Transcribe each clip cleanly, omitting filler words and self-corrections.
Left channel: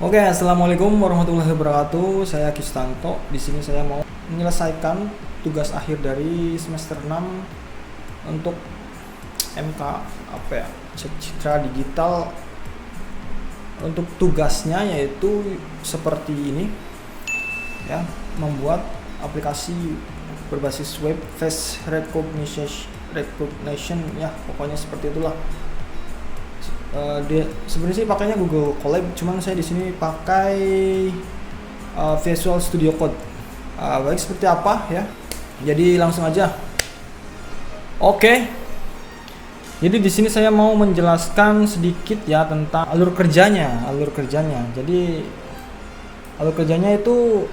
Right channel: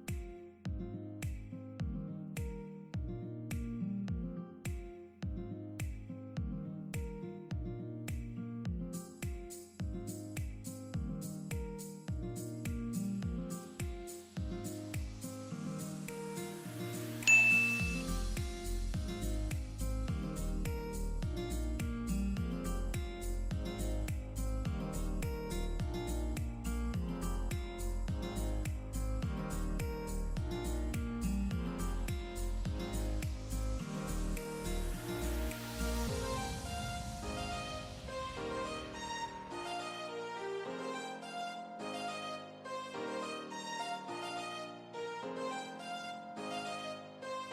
Oke, assalamualaikum warahmatullahi wabarakatuh. Saya Kistanto. Di sini saya mau menyelesaikan tugas akhir dari semester 6 untuk MK apa ya? Citra digital. Untuk tugasnya yaitu seperti ini ya, membuat aplikasi berbasis web face recognition ya, pokoknya seperti itulah. Dia sebenarnya sih pakainya Google Colab, cuman saya di sini pakai Visual Studio Code. Baik, seperti apa ya? Jadi langsung aja. Oke. Jadi di sini saya mau menjelaskan sedikit ya tentang alur kerjanya. Jadi alur kerjanya itu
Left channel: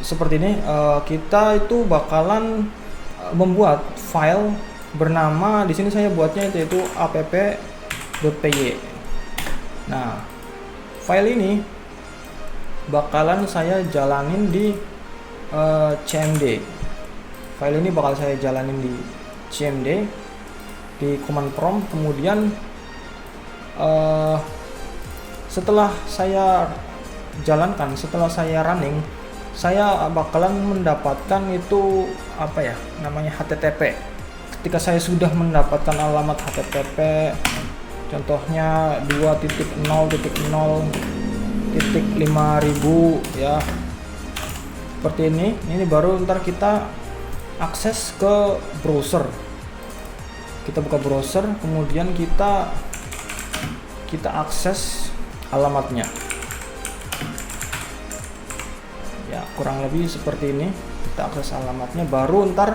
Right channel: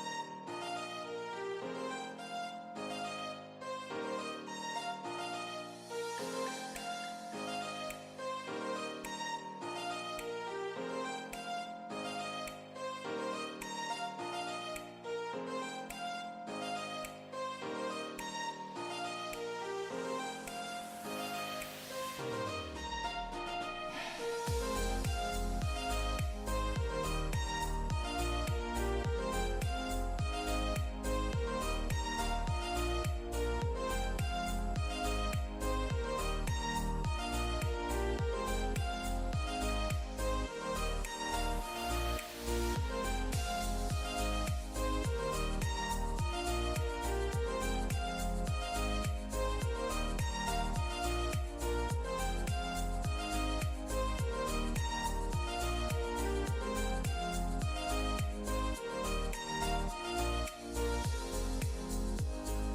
seperti ini. Kita itu bakalan membuat file bernama, di sini saya buatnya itu app.py. Nah, file ini bakalan saya jalanin di CMD. File ini bakal saya jalanin di CMD di command prompt. Kemudian setelah saya jalankan, setelah saya running, saya bakalan mendapatkan itu apa ya namanya, HTTP. Ketika saya sudah mendapatkan alamat HTTP, contohnya 2.0.0.5000 ya, seperti ini baru ntar kita akses ke browser. Kita buka browser, kemudian kita akses alamatnya ya, kurang lebih seperti ini. Kita akses alamatnya, baru ntar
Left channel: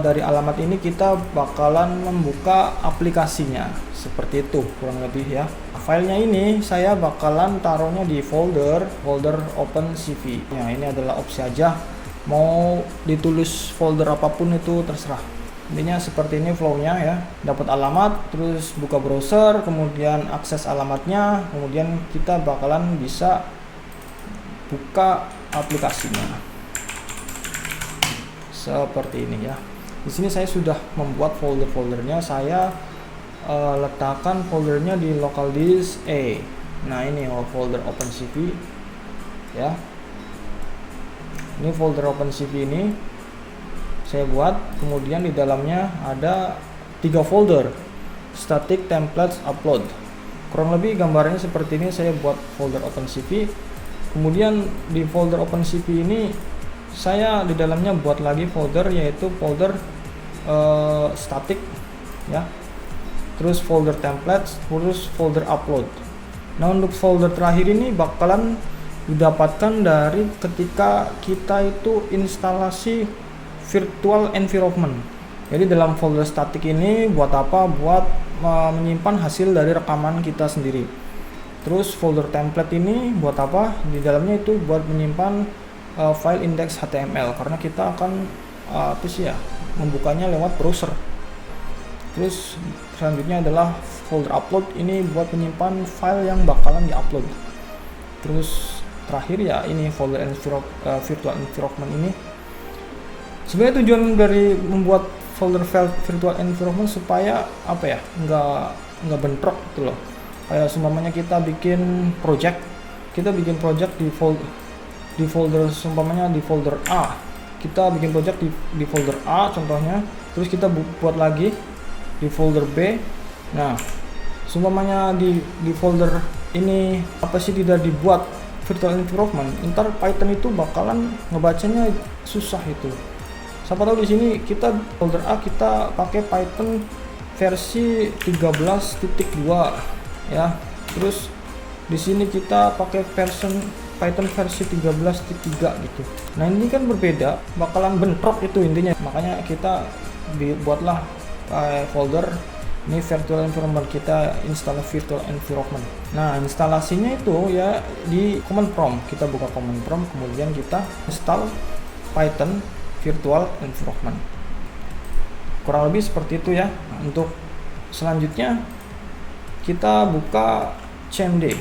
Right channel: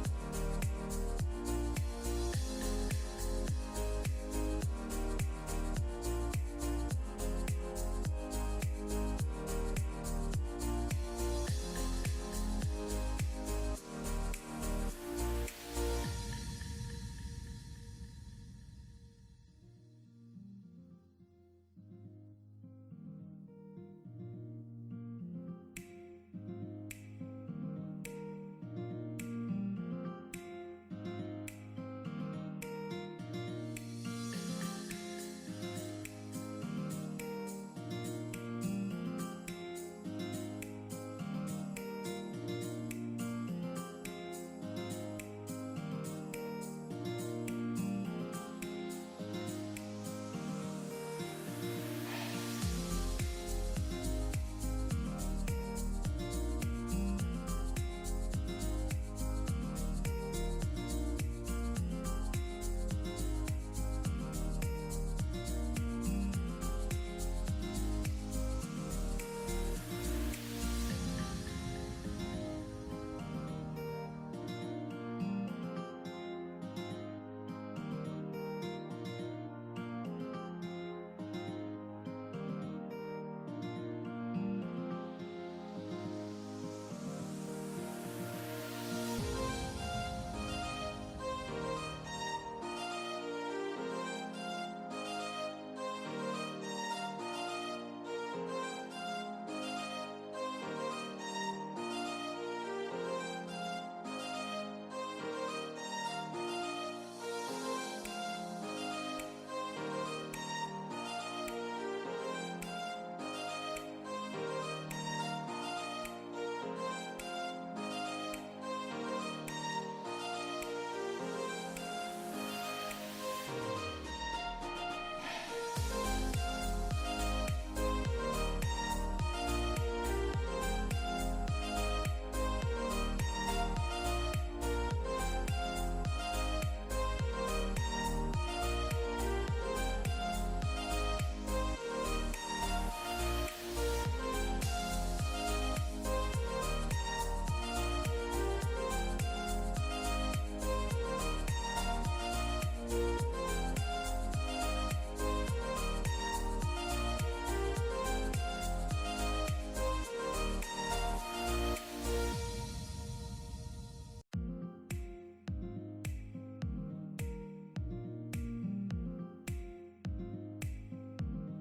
dari alamat ini kita bakalan membuka aplikasinya, seperti itu kurang lebih ya. Filenya ini saya bakalan taruhnya di folder OpenCV ya. Ini adalah opsi aja, mau ditulis folder apapun itu terserah. Intinya seperti ini flownya ya, dapat alamat, terus buka browser, kemudian akses alamatnya, kemudian kita bakalan bisa buka aplikasinya seperti ini ya. Di sini saya sudah membuat foldernya, saya letakkan foldernya di local disk A. Nah, ini folder OpenCV ya. Ini folder OpenCV ini saya buat, kemudian di dalamnya ada 3 folder, static, templates, upload. Kurang lebih gambarnya seperti ini. Saya buat folder OpenCV, kemudian di folder OpenCV ini saya di dalamnya buat lagi folder, yaitu folder static ya, terus folder templates, terus folder upload. Nah, untuk folder terakhir ini bakalan didapatkan dari ketika kita itu instalasi virtual environment. Jadi dalam folder static ini buat apa? Buat menyimpan hasil dari rekaman kita sendiri. Terus folder template ini buat apa? Di dalamnya itu buat menyimpan file index HTML, karena kita akan membukanya lewat browser. Terus selanjutnya adalah folder upload, ini buat menyimpan file yang bakalan diupload. Terus terakhir ya ini folder virtual environment ini. Sebenarnya tujuan dari membuat folder file virtual environment supaya apa ya, nggak bentrok gitu loh. Kayak seumpamanya kita bikin project di folder seumpamanya di folder A, kita bikin project di folder A contohnya, terus kita buat lagi di folder B. Nah, seumpamanya di folder ini tidak dibuat virtual environment, ntar Python itu bakalan ngebacanya susah itu. Siapa tahu di sini kita folder A kita pakai Python versi 13.2 ya. Terus di sini kita pakai Python versi 13.3 gitu. Nah, ini kan berbeda, bakalan bentrok itu intinya. Makanya kita buatlah folder ini virtual environment, kita install virtual environment. Nah, instalasinya itu ya di command prompt. Kita buka command prompt, kemudian kita install Python virtual environment. Kurang lebih seperti itu ya. Untuk selanjutnya kita buka CMD,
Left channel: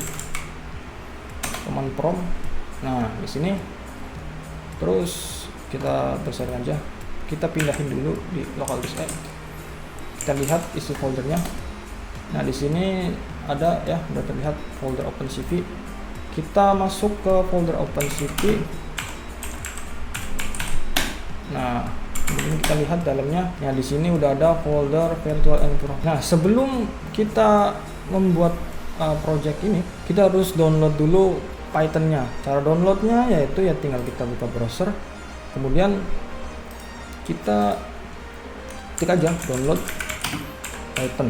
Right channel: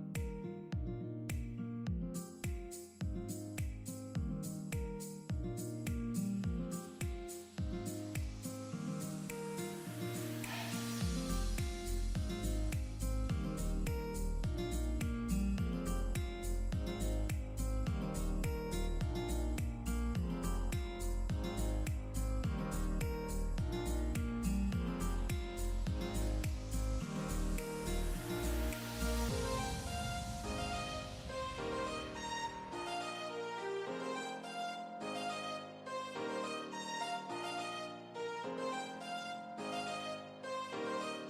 command prompt. Nah, di sini terus kita besar aja, kita pindahin dulu di local disk A. Kita lihat isi foldernya. Nah, di sini ada ya, udah terlihat folder OpenCV. kita masuk ke folder OpenCV. Nah, ini kita lihat dalamnya. Ya, di sini udah ada folder virtual environment. Nah, sebelum kita membuat project ini, kita harus download dulu Python-nya. Cara downloadnya yaitu ya tinggal kita buka browser, kemudian kita ketik aja download Python.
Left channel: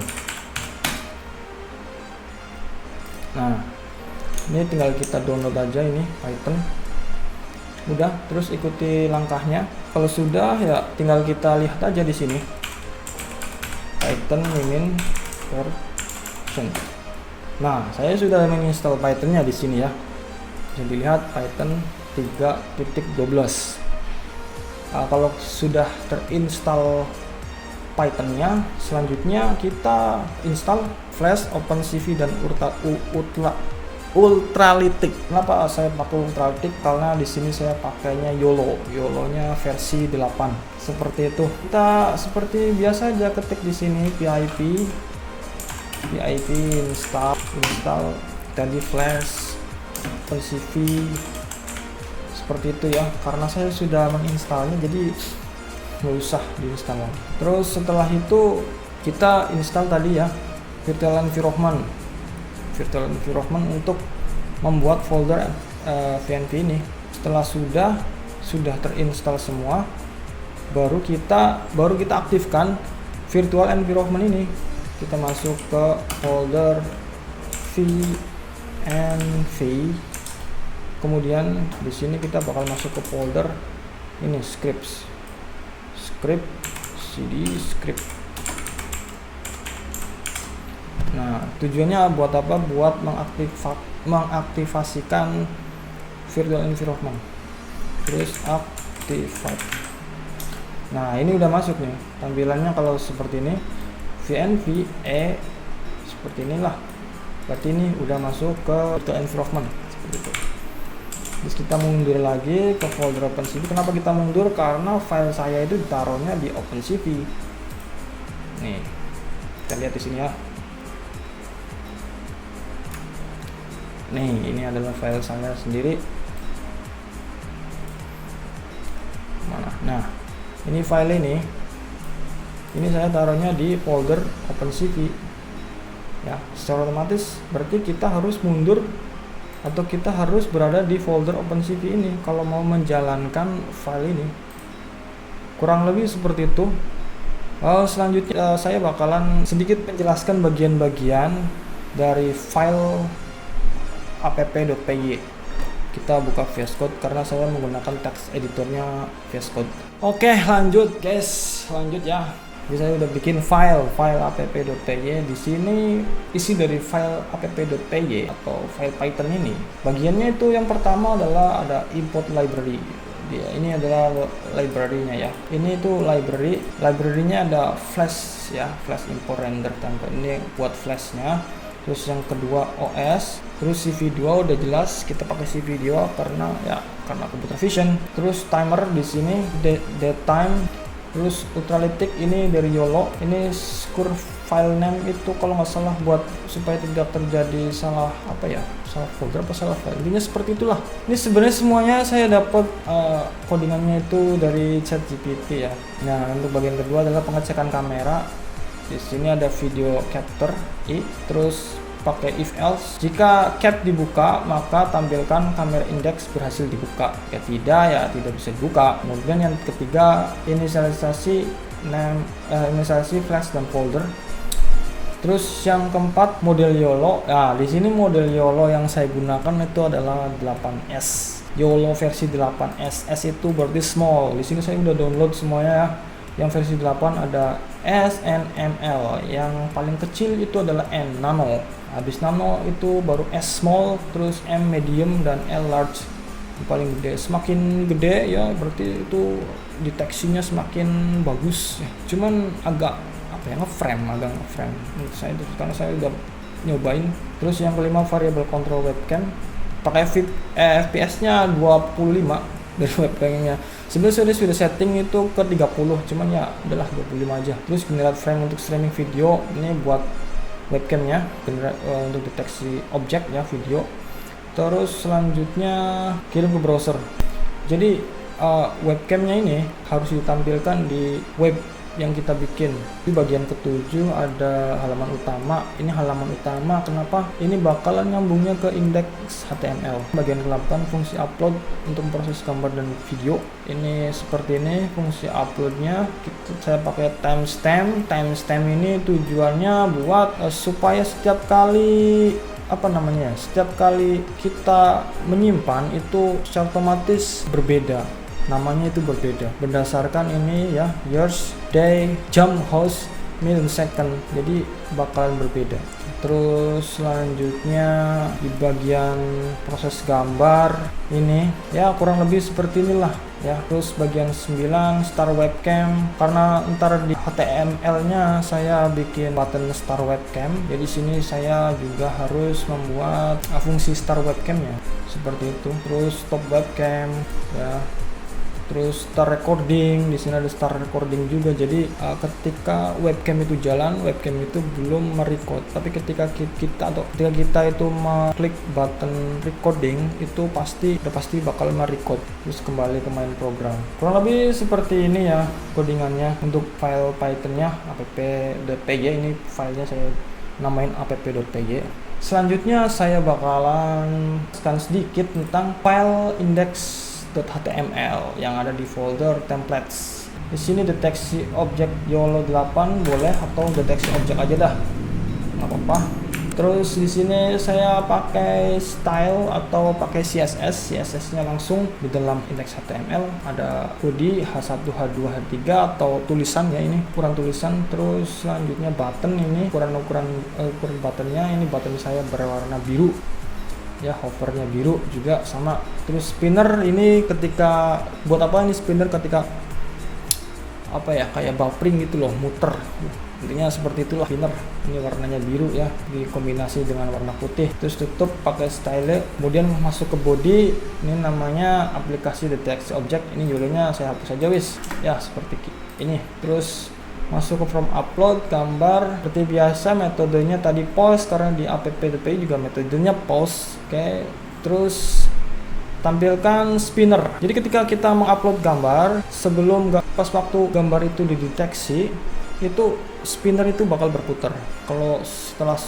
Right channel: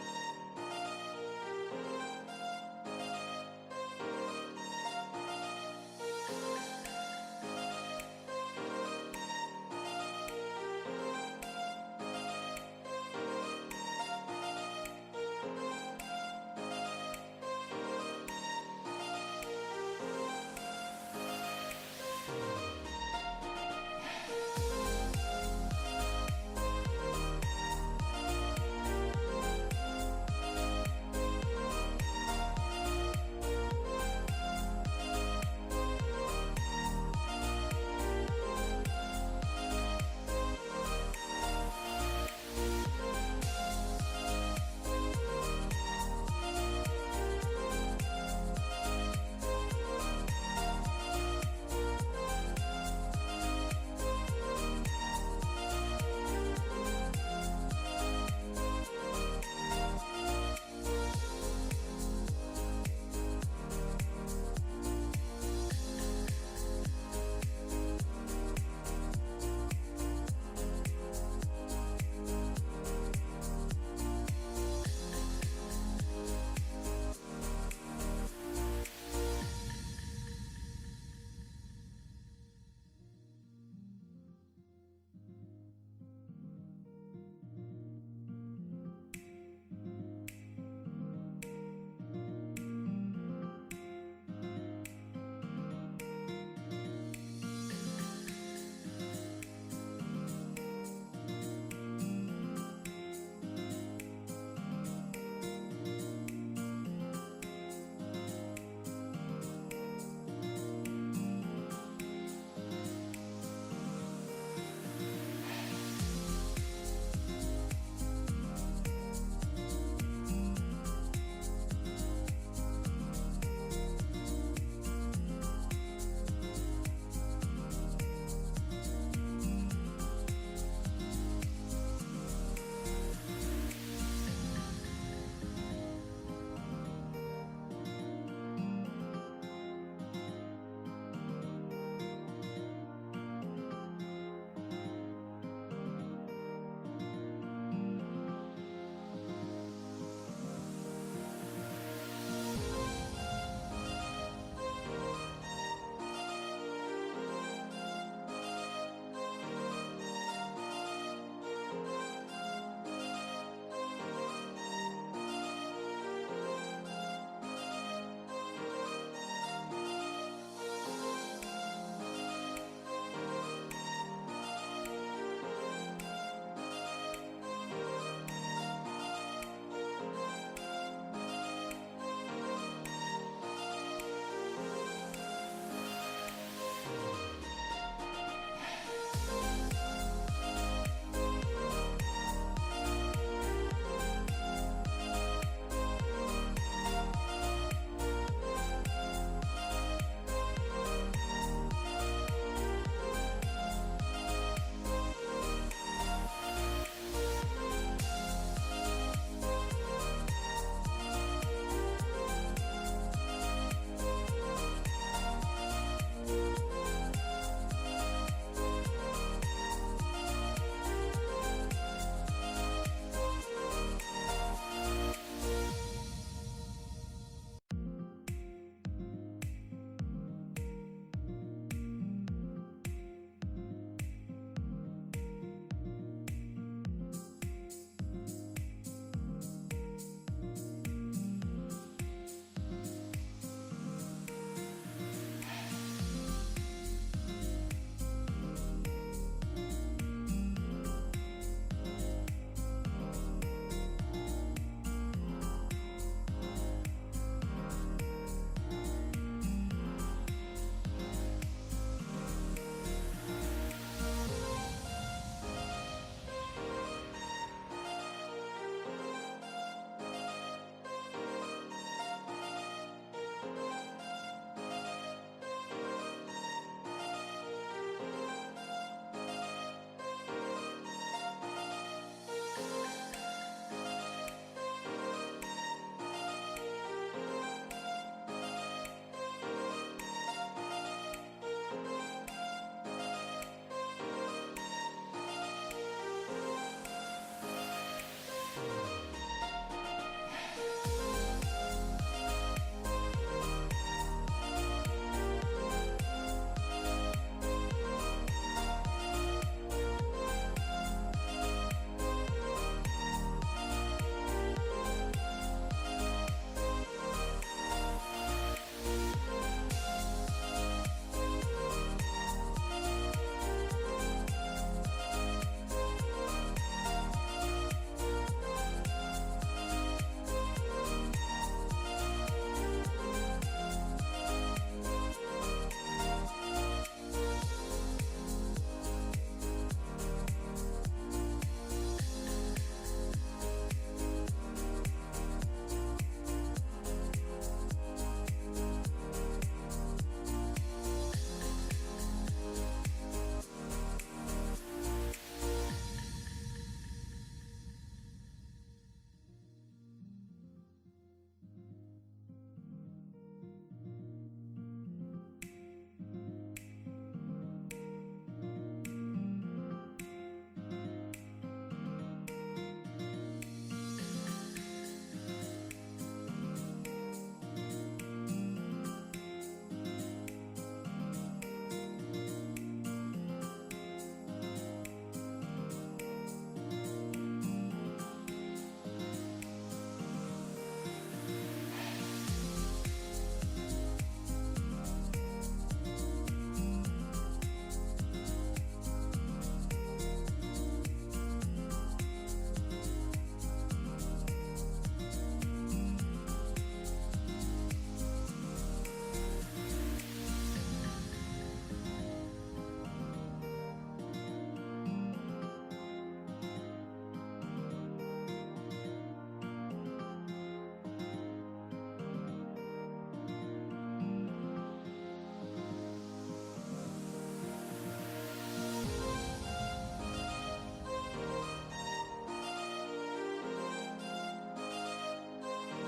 Nah, ini tinggal kita download aja ini Python. Udah, terus ikuti langkahnya. Kalau sudah ya tinggal kita lihat aja di sini Python mimin version. Nah, saya sudah menginstal Python-nya di sini ya. Bisa dilihat Python 3.12. Kalau sudah terinstall Python-nya, selanjutnya kita install Flash, OpenCV dan Ultralytic. Kenapa saya pakai Ultralytic? Karena di sini saya pakainya YOLO-nya versi 8. Seperti itu. Kita seperti biasa aja ketik di sini pip install tadi Flash, OpenCV, seperti itu ya. Karena saya sudah menginstalnya, jadi nggak usah diinstal lagi. Terus setelah itu kita install tadi ya virtual environment untuk membuat folder VNV ini. Setelah sudah terinstall semua, baru kita aktifkan virtual environment ini. Kita masuk ke folder VNV, kemudian di sini kita bakal masuk ke folder ini script cd script. Nah, tujuannya buat apa? Buat mengaktifasikan virtual environment. Terus activate. Nah, ini udah masuk nih. Tampilannya kalau seperti ini, VNV seperti inilah. Berarti ini udah masuk ke virtual environment seperti itu. Terus kita mundur lagi ke folder OpenCV. Kenapa kita mundur? Karena file saya itu ditaruhnya di OpenCV. Nih, kita lihat di sini ya. Nih, ini adalah file saya sendiri. Mana? Nah, ini file ini saya taruhnya di folder OpenCV. Ya, secara otomatis berarti kita harus mundur atau kita harus berada di folder OpenCV ini kalau mau menjalankan file ini. Kurang lebih seperti itu. Selanjutnya saya bakalan sedikit menjelaskan bagian-bagian dari file app.py. Kita buka VS Code karena saya menggunakan text editornya VS Code. Oke, lanjut guys, lanjut ya. Jadi saya udah bikin file app.py. Di sini isi dari file app.py atau file Python ini. Bagiannya itu yang pertama adalah ada import library. Ini adalah library-nya ya. Ini itu library-nya ada Flash ya, Flash import render template. Ini buat Flash-nya. Terus yang kedua OS, terus CV2 udah jelas kita pakai CV2 karena computer vision. Terus timer di sini datetime. Terus Ultralytic ini dari YOLO. Ini score file name itu kalau nggak salah buat supaya tidak terjadi salah folder apa salah file. Intinya seperti itulah. Ini sebenarnya semuanya saya dapat codingannya itu dari ChatGPT ya. Nah, untuk bagian kedua adalah pengecekan kamera. Di sini ada video capture terus pakai if else. Jika cap dibuka maka tampilkan kamera index berhasil dibuka. Ya tidak bisa dibuka. Kemudian yang ketiga inisialisasi flash dan folder. Terus yang keempat model YOLO. Nah, di sini model YOLO yang saya gunakan itu adalah 8S. YOLO versi 8S. S itu berarti small. Di sini saya udah download semuanya ya. Yang versi 8 ada S, N, ML. Yang paling kecil itu adalah N, nano. Habis nano itu baru S small, terus M medium dan L large. Itu paling gede. Semakin gede ya berarti itu deteksinya semakin bagus. Cuman agak ngeframe. Menurut saya itu karena saya udah nyobain. Terus yang kelima variable control webcam. Pakai FPS-nya 25 dari webcamnya. Sebenarnya saya sudah setting itu ke 30, cuman ya udahlah 25 aja. Terus generate frame untuk streaming video, ini buat webcamnya, untuk deteksi objek ya video. Terus selanjutnya kirim ke browser. Jadi webcamnya ini harus ditampilkan di web yang kita bikin. Di bagian ketujuh ada halaman utama. Ini halaman utama, kenapa? Ini bakalan nyambungnya ke indeks HTML. Bagian ke-8 fungsi upload untuk proses gambar dan video. Ini seperti ini fungsi uploadnya. Saya pakai timestamp. Timestamp ini tujuannya buat supaya setiap kali setiap kali kita menyimpan itu secara otomatis berbeda, namanya itu berbeda berdasarkan ini ya, years, day, jam, hours, minute, second, jadi bakalan berbeda. Terus selanjutnya di bagian proses gambar ini ya kurang lebih seperti inilah ya. Terus bagian 9 start webcam, karena ntar di HTML nya saya bikin button start webcam, jadi sini saya juga harus membuat fungsi start webcamnya seperti itu. Terus stop webcam ya. Terus start recording, di sini ada start recording juga. Jadi ketika webcam itu jalan, webcam itu belum merecord. Tapi ketika kita itu mengklik button recording, itu pasti bakal merecord. Terus kembali ke main program. Kurang lebih seperti ini ya codingannya. Untuk file Python-nya app.py, ini filenya saya namain app.py. Selanjutnya saya bakalan jelaskan sedikit tentang file index.html yang ada di folder templates. Di sini deteksi objek YOLO 8 boleh, atau deteksi objek aja dah, nggak apa-apa. Terus di sini saya pakai style atau pakai CSS-nya langsung di dalam indeks HTML. Ada body H1, H2, H3 atau tulisan ya, ini ukuran tulisan. Terus selanjutnya button, ini ukuran buttonnya, ini button saya berwarna biru ya, hovernya biru juga sama. Terus spinner ini ketika buat apa, ini spinner ketika kayak buffering gitu loh, muter, intinya seperti itulah spinner. Ini warnanya biru ya, dikombinasi dengan warna putih. Terus tutup pakai style, kemudian masuk ke body, ini namanya aplikasi deteksi objek, ini judulnya saya hapus aja wis ya, seperti ini. Terus masuk ke form upload gambar, seperti biasa metodenya tadi post, karena di app.py juga metodenya post. Oke. Terus tampilkan spinner. Jadi ketika kita mengupload gambar, pas waktu gambar itu dideteksi, itu spinner itu bakal berputar. Kalau setelah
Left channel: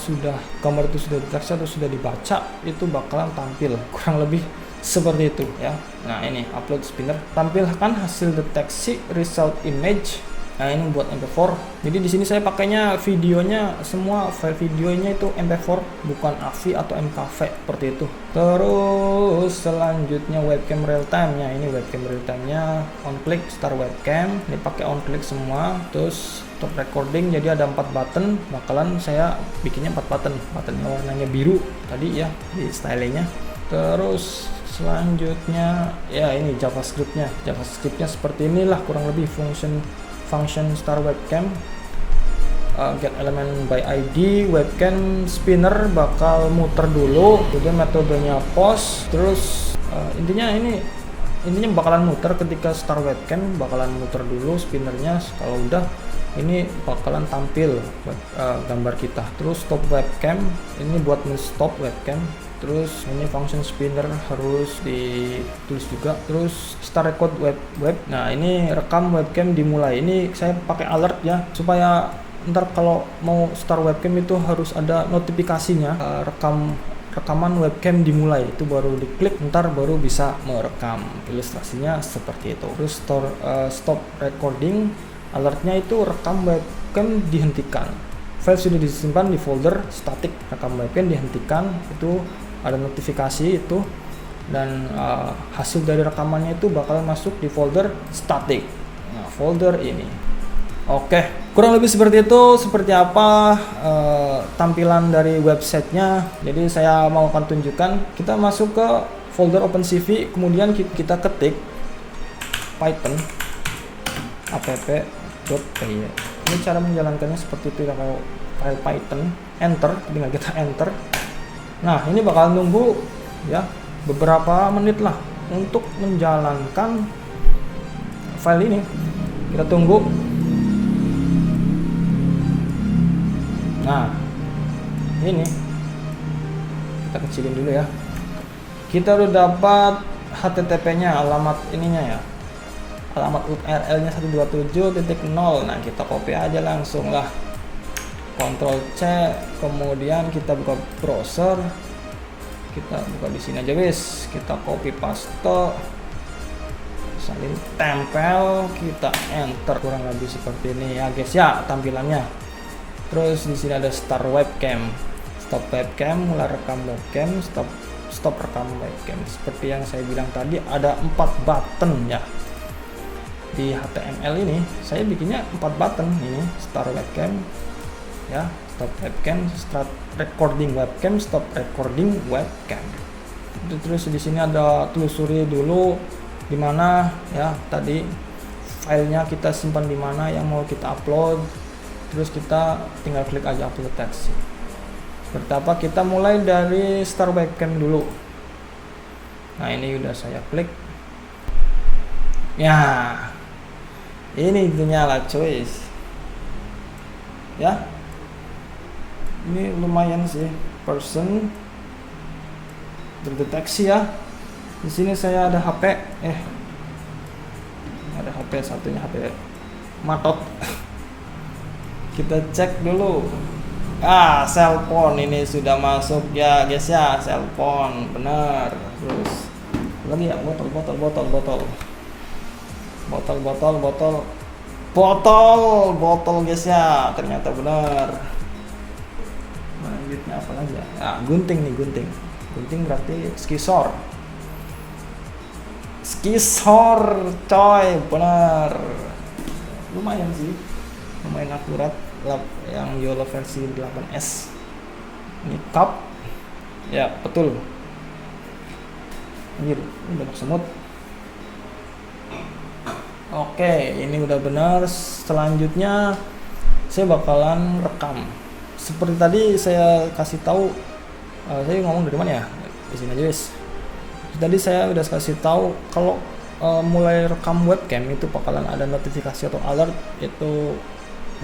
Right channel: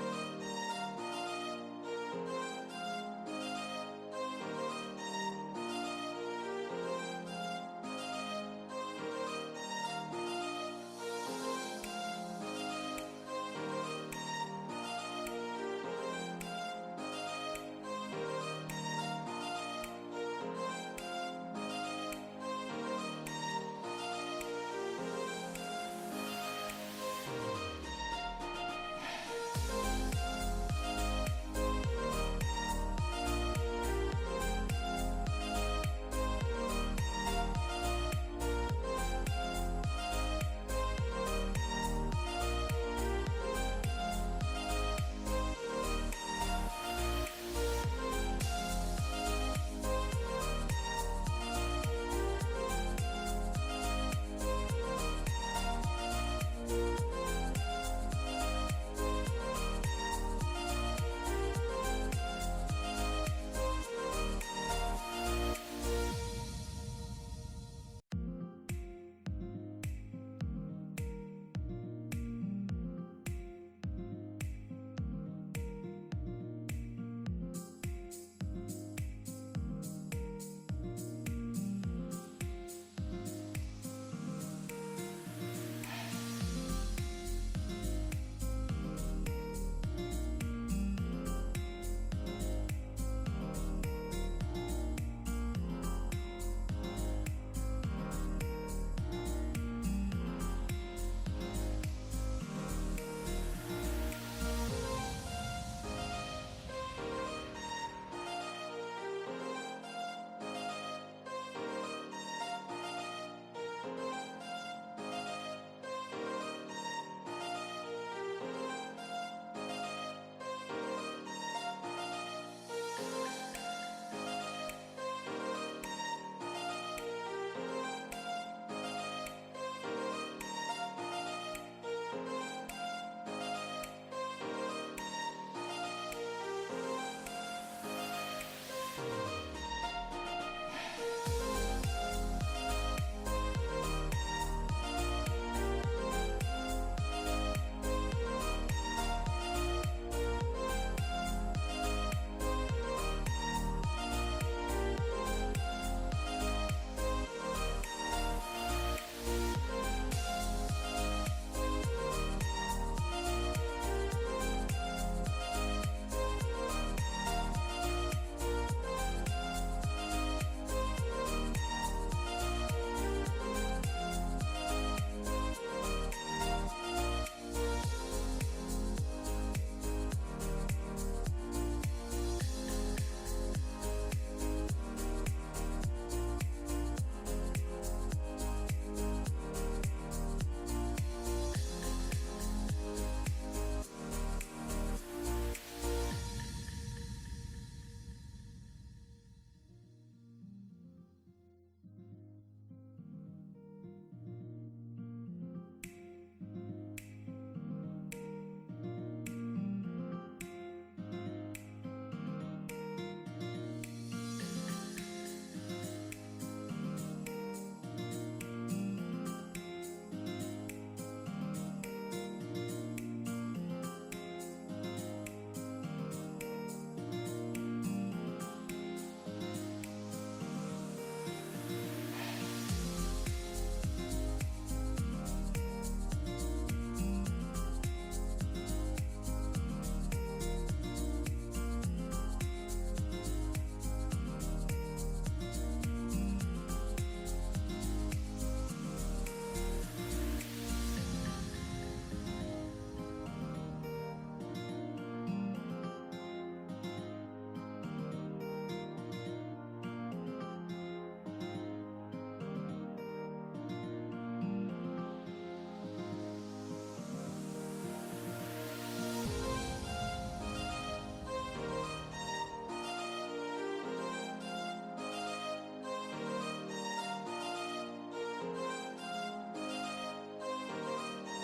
gambar itu sudah dideteksi atau sudah dibaca, itu bakalan tampil kurang lebih seperti itu ya. Nah, ini upload spinner, tampilkan hasil deteksi result image. Nah, ini buat MP4. Jadi di sini saya pakainya videonya, semua file videonya itu MP4, bukan AVI atau MKV seperti itu. Terus selanjutnya webcam real time-nya. Ini webcam real time-nya on click start webcam. Ini pakai on click semua. Terus stop recording, jadi ada 4 button. Bakalan saya bikinnya 4 button. Buttonnya warnanya biru tadi ya di stylenya. Terus selanjutnya ya ini JavaScript-nya. JavaScript-nya seperti inilah kurang lebih function start webcam, get element by ID, webcam spinner bakal muter dulu, kemudian metodenya post. Terus intinya bakalan muter ketika start webcam, bakalan muter dulu spinnernya. Kalau udah ini bakalan tampil gambar kita. Terus stop webcam, ini buat stop webcam. Terus ini function spinner harus ditulis juga. Terus start record web. Nah, ini rekam webcam dimulai. Ini saya pakai alert ya, supaya ntar kalau mau start webcam itu harus ada notifikasinya, rekaman webcam dimulai, itu baru diklik, ntar baru bisa merekam. Ilustrasinya seperti itu. Terus stop recording, alertnya itu rekam webcam dihentikan. File sudah disimpan di folder static, rekam webcam dihentikan, itu ada notifikasi itu, dan hasil dari rekamannya itu bakal masuk di folder static. Nah, folder ini. Oke, kurang lebih seperti itu. Seperti apa tampilan dari websitenya. Jadi saya mau akan tunjukkan. Kita masuk ke folder OpenCV, kemudian kita ketik Python app.py. Ini cara menjalankannya seperti itu ya, kalau file Python, enter, tinggal kita enter. Nah, ini bakal nunggu ya beberapa menit lah untuk menjalankan file ini. Kita tunggu. Nah, ini kita kecilin dulu ya. kita udah dapat HTTP-nya, alamat ininya ya, alamat URL-nya 127.0. Nah, kita copy aja langsung lah, Ctrl C, kemudian kita buka browser, kita buka di sini aja guys, kita copy paste, salin tempel, kita enter, kurang lebih seperti ini ya guys ya tampilannya. Terus di sini ada start webcam, stop webcam, mulai rekam webcam, stop rekam webcam. Seperti yang saya bilang tadi, ada 4 button ya. Di HTML ini saya bikinnya 4 button, ini start webcam ya, stop webcam, start recording webcam, stop recording webcam. Terus di sini ada telusuri dulu di mana ya tadi filenya, kita simpan di mana yang mau kita upload. Terus kita tinggal klik aja upload text. Seperti apa, kita mulai dari start webcam dulu. Nah, ini udah saya klik ya, ini nyala cuy ya. Ini lumayan sih, person terdeteksi ya. Di sini saya ada HP, ada HP satunya, HP matot. Kita cek dulu. Cellphone ini sudah masuk ya guys ya, cellphone benar. Terus lagi ya, botol guys ya, ternyata benar. Lanjutnya apa lagi ya? Gunting nih, gunting berarti skisor coy, benar. Lumayan sih, lumayan akurat yang YOLO versi 8S. Ini cup ya, betul. Ini banyak semut. Oke, ini udah benar. Selanjutnya saya bakalan rekam. Seperti tadi saya kasih tahu, saya ngomong dari mana ya? Di sini aja guys. Tadi saya udah kasih tahu kalau mulai rekam webcam itu bakalan ada notifikasi atau alert itu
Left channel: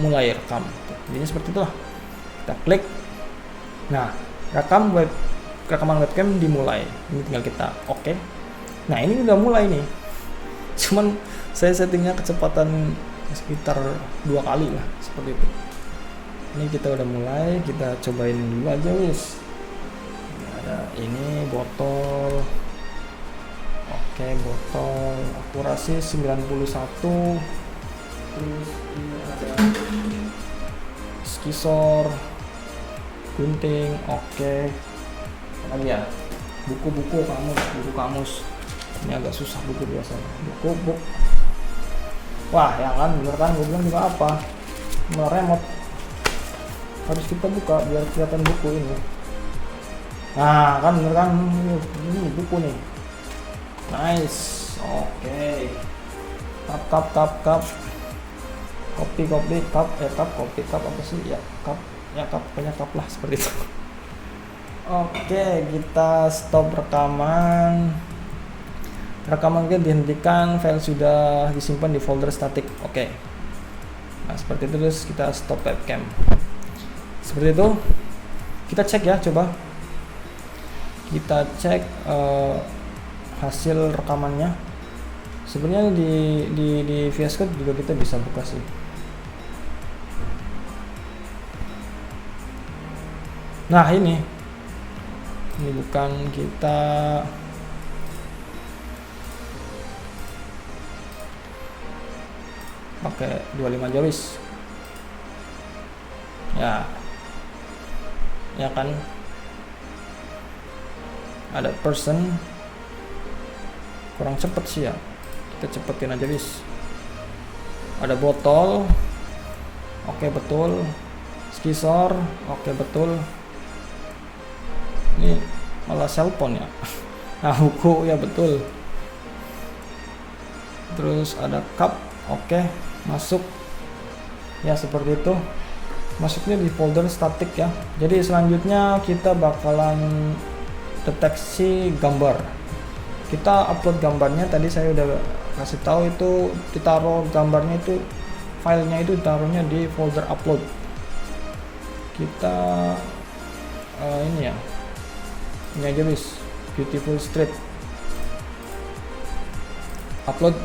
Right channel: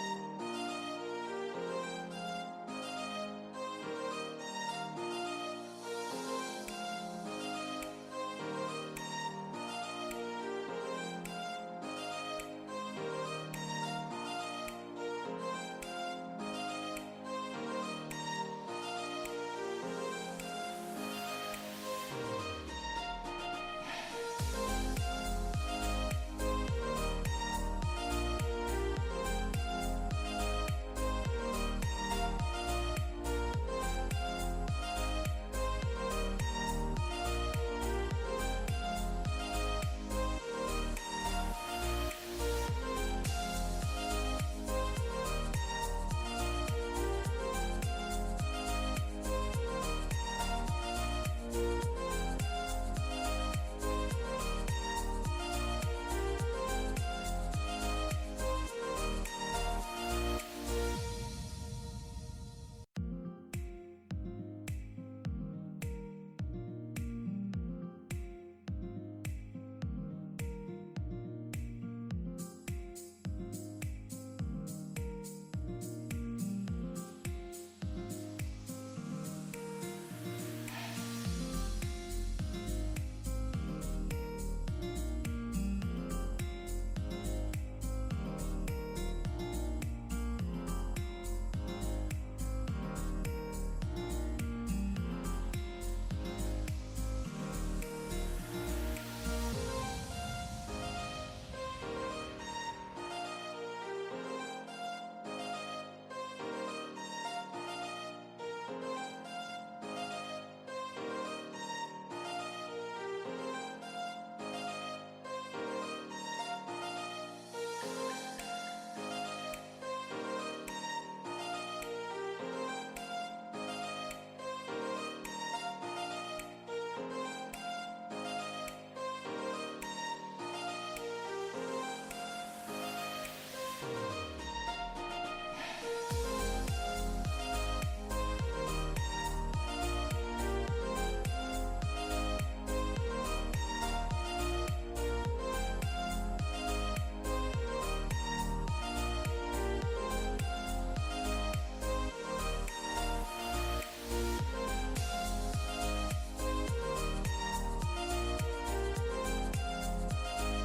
mulai rekam. Jadi seperti itulah. Kita klik. Nah, rekaman webcam dimulai. Ini tinggal kita oke. Nah, ini udah mulai nih. Cuman saya settingnya kecepatan sekitar 2 kali lah, seperti itu. Ini kita udah mulai, kita cobain dulu aja guys. Ada ini botol. Oke, botol akurasi 91. Terus ini ada skisor, gunting. Oke. Apa ya? Buku kamus. Ini agak susah buku biasanya. Buku. Wah, ya kan bener kan, gue bilang juga apa? Remote. Harus kita buka biar kelihatan buku ini. Nah, kan bener kan, ini buku nih. Nice. Oke. Cup. Kopi, cup apa sih? Ya, cup. Ya, cup, banyak cup lah seperti itu. Oke, kita stop rekaman. Rekaman kita dihentikan, file sudah disimpan di folder static. Oke. Nah, seperti itu. Terus kita stop webcam. Seperti itu. Kita cek ya, coba. Kita cek hasil rekamannya. Sebenarnya di VS Code juga kita bisa buka sih. Nah, ini bukan, kita pakai 25 jawis ya kan, ada person kurang cepet sih ya, kita cepetin aja guys. Ada botol, oke betul. Skisor, oke betul. Ini malah cellphone ya. Nah, buku ya betul. Terus ada cup, oke masuk ya, seperti itu. Masuknya di folder static ya. Jadi selanjutnya kita bakalan deteksi gambar. Kita upload gambarnya, tadi saya udah kasih tahu itu ditaruh gambarnya itu, filenya itu ditaruhnya di folder upload. Kita ini ya, ini aja guys, Beautiful Street. Upload.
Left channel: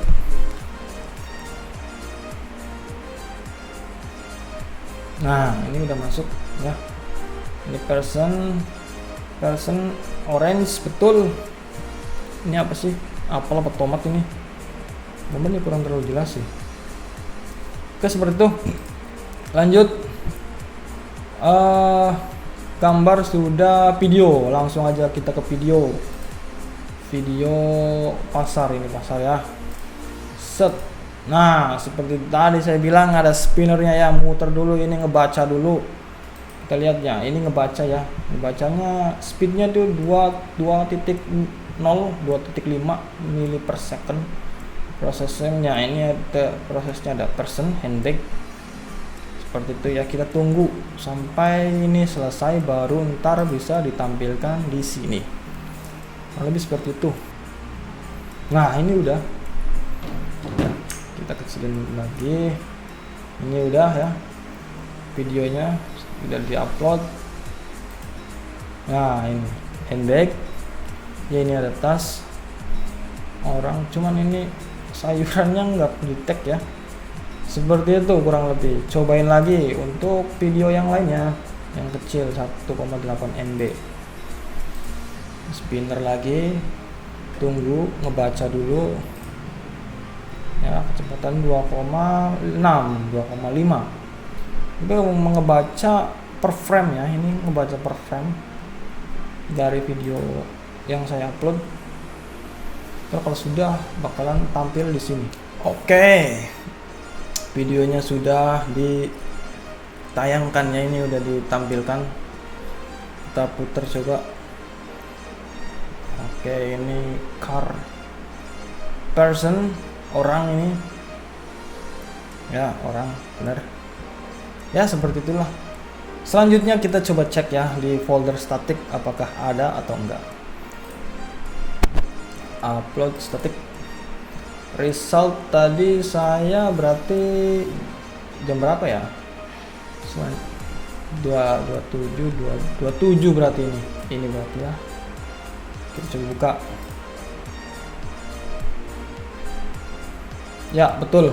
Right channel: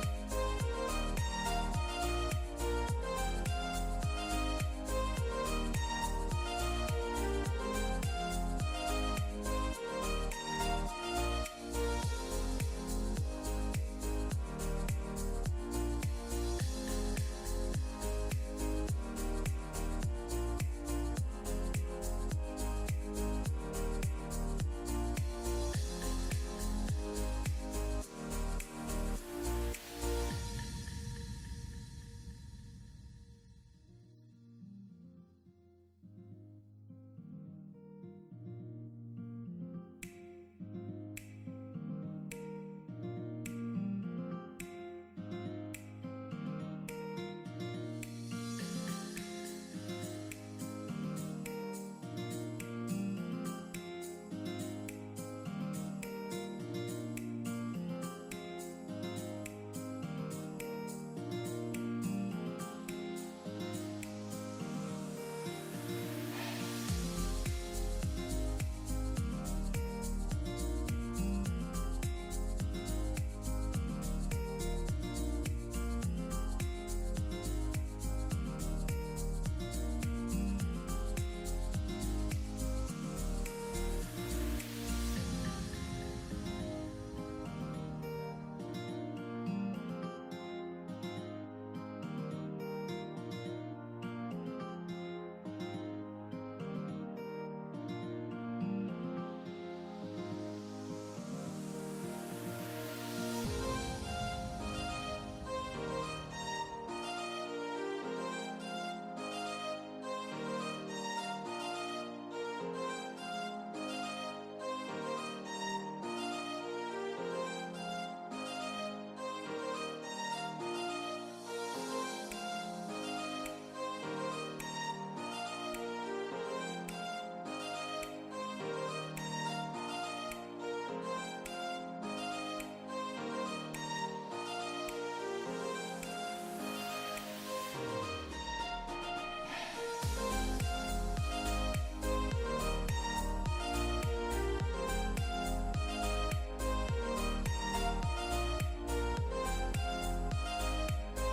Nah, ini udah masuk ya. Ini person orange, betul. Ini apa sih? Apel apa tomat ini? Namanya kurang terlalu jelas sih. Oke, seperti itu. Lanjut. Gambar sudah, video. Langsung aja kita ke video. Video pasar, ini pasar ya. Set. Nah, seperti tadi saya bilang ada spinnernya ya. Muter dulu, ini ngebaca dulu. Kita lihat ya, ini ngebaca ya. Ngebacanya speednya tuh 2.5 mili per second. Prosesnya ini ada, prosesnya ada person handbrake. Seperti itu ya, kita tunggu sampai ini selesai baru ntar bisa ditampilkan di sini. Lebih seperti itu. Nah, ini udah. Kita kecilin lagi. Ini udah ya. Videonya sudah diupload. Nah, ini handbrake. Ya, ini ada tas orang, cuman ini sayurannya nggak di tag ya. Seperti itu kurang lebih. Cobain lagi untuk video yang lainnya yang kecil 1,8 MB. Spinner lagi, tunggu ngebaca dulu ya, kecepatan 2,5 itu mengebaca per frame ya. Ini ngebaca per frame dari video yang saya upload. Terus kalau sudah bakalan tampil di sini. Oke, videonya sudah ditayangkan ya, ini udah ditampilkan. Kita putar coba. Oke, ini car, person, orang ini ya, orang, bener ya, seperti itulah. Selanjutnya kita coba cek ya di folder static apakah ada atau enggak. Upload static result tadi saya berarti jam berapa ya? 27 berarti ini berarti ya. Kita coba buka. Ya, betul.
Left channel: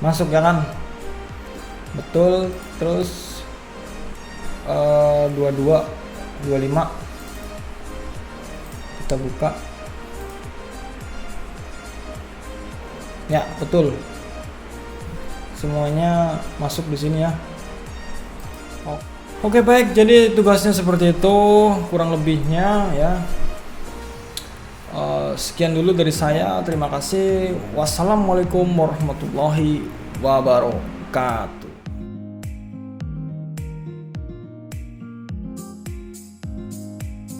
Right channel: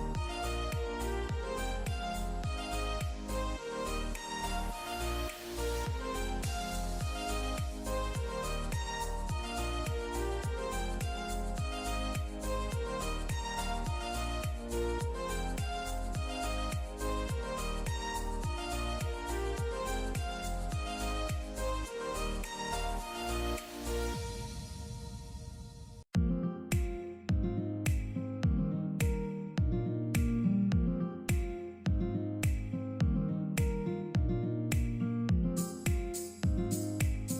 Masuk ya kan? Betul. Terus 25 kita buka. Ya, betul. Semuanya masuk di sini ya. Oke, baik. Jadi tugasnya seperti itu kurang lebihnya ya. Sekian dulu dari saya. Terima kasih. Wassalamualaikum warahmatullahi wabarakatuh.